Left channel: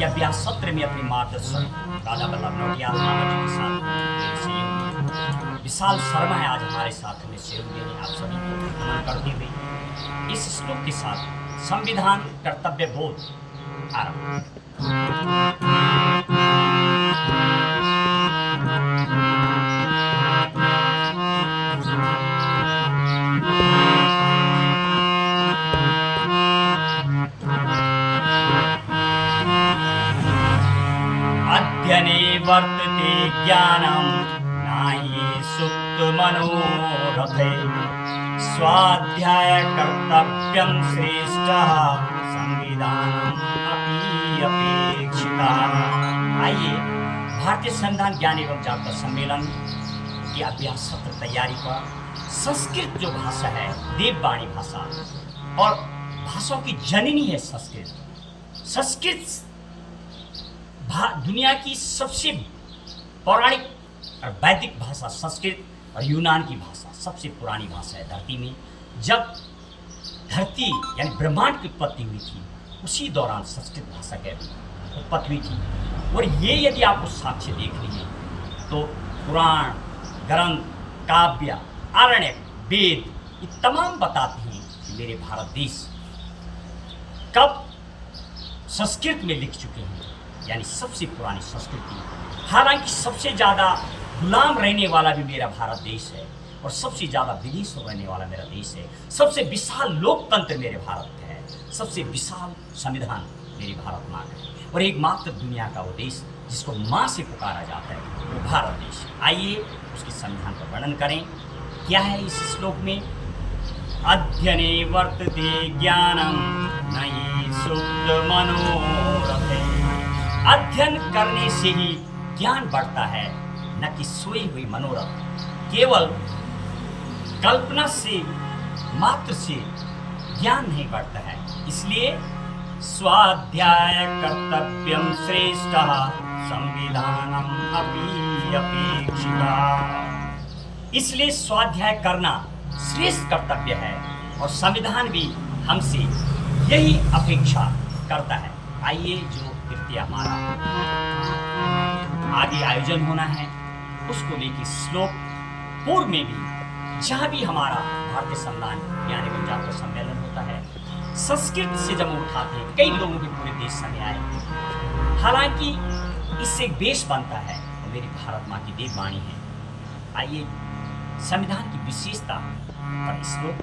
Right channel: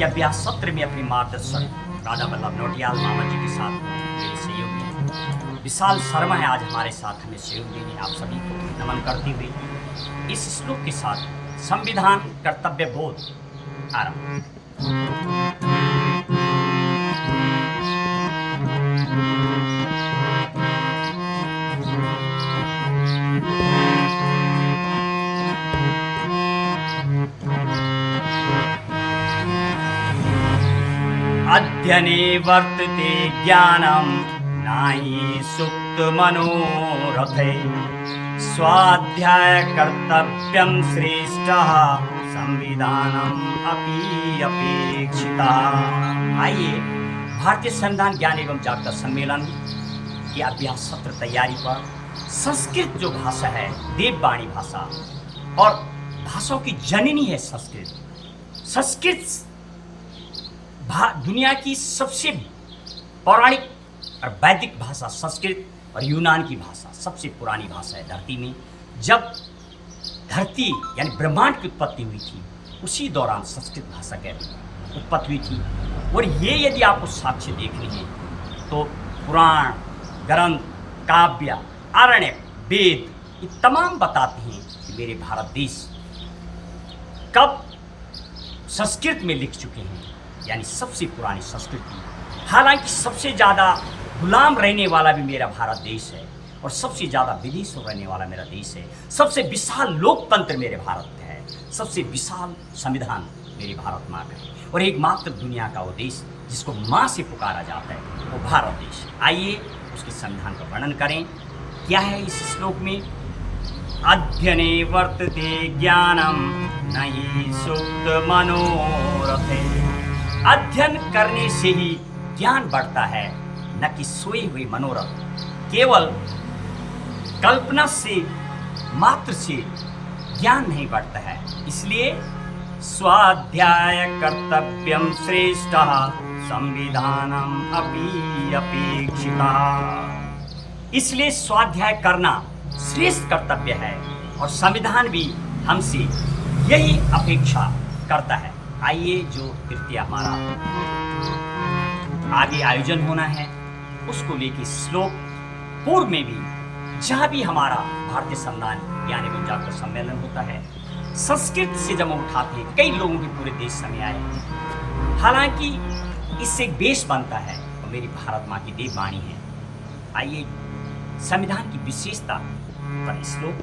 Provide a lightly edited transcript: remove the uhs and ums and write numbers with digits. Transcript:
कि अभ्यास सत्र में अपने मार्गदर्शक राजा वल्लभ नौटियाल मामा जी के साथ मेरे सहयोग विशाल शर्मा है आज हमारे साथ हमें सहयोग देने आप सभी को नमन करते हुए इस श्लोक के साथ संविधान कर्तव्य बोध आरंभ। अध्ययने वर्तते ज्ञानम नाहि सुप्त मनोरथे स्वाध्याय कर्तव्यम श्रेष्ठः संविधानम अपि अपेक्षिता। आइए भारतीय संविधान ज्ञान एवं जागरूकता सम्मेलन की अभ्यास सत्र तैयारी पर संस्कृत जो भाषा है देववाणी भाषा और भाषाओं की जननी है संस्कृत दुनिया की सबसे पौराणिक और वैदिक भाषा संस्कृत और यूनान की भाषा सबसे पुरानी भाषा है धरती में। जब धरती यानी ब्रह्मांड की उत्पत्ति हुई थी उसी दौरान संस्कृत भाषा की उत्पत्ति हुई थी। और ये यदि आप उस साक्ष्य देख रहे हैं तो पुराण ग्रंथ काव्य आरण्य वेद ये तमाम बताते हैं कि मेरे भारत देश कब संस्कृत में लिख चुके हैं यानी सबसे पुरानी संस्कृति। हालांकि सबसे ज़्यादा गुलाम रहने वाला भी मेरा भारत देश है और सबसे ज़्यादा विदेश में रहने वाला मेरा देश है। सबसे विशाल लोकतंत्र मेरे भारत का है, सबसे विशाल संविधान मेरी भारत माँ का है और एकमात्र दुनिया का वो देश जिसको माँ से पुकारा जाता है वो भारत देश। आइए उसके संविधान का वर्णन करें। क्या है इस श्लोक में? अध्ययने वर्तते ज्ञानम नहि सुप्त मनोरथे। अध्ययन करने से ही ज्ञान बढ़ता है न कि सोई हुई मनोरथ। केवल कल्पना से मात्र से ज्ञान नहीं बढ़ता है। इसलिए स्वाध्याय कर्तव्यम श्रेष्ठः संविधानम अपि अपेक्षिता। इसलिए स्वाध्याय करना श्रेष्ठ कर्तव्य है और संविधान भी हमसे यही अपेक्षा करता है। आइए जो तृतीय हमारा आगे आयोजन होना है उसको लेकर श्लोक पूर्व में भी जहाँ भी हमारा भारतीय संविधान ज्ञान एवं जागरूकता सम्मेलन होता है संस्कृत से जब उठाते हैं कई लोगों के पूरे देश में आए। हालांकि इससे एक बेस बनता है और मेरी भारत माँ की देववाणी है। आइए संविधान की विशेषता पर श्लोक।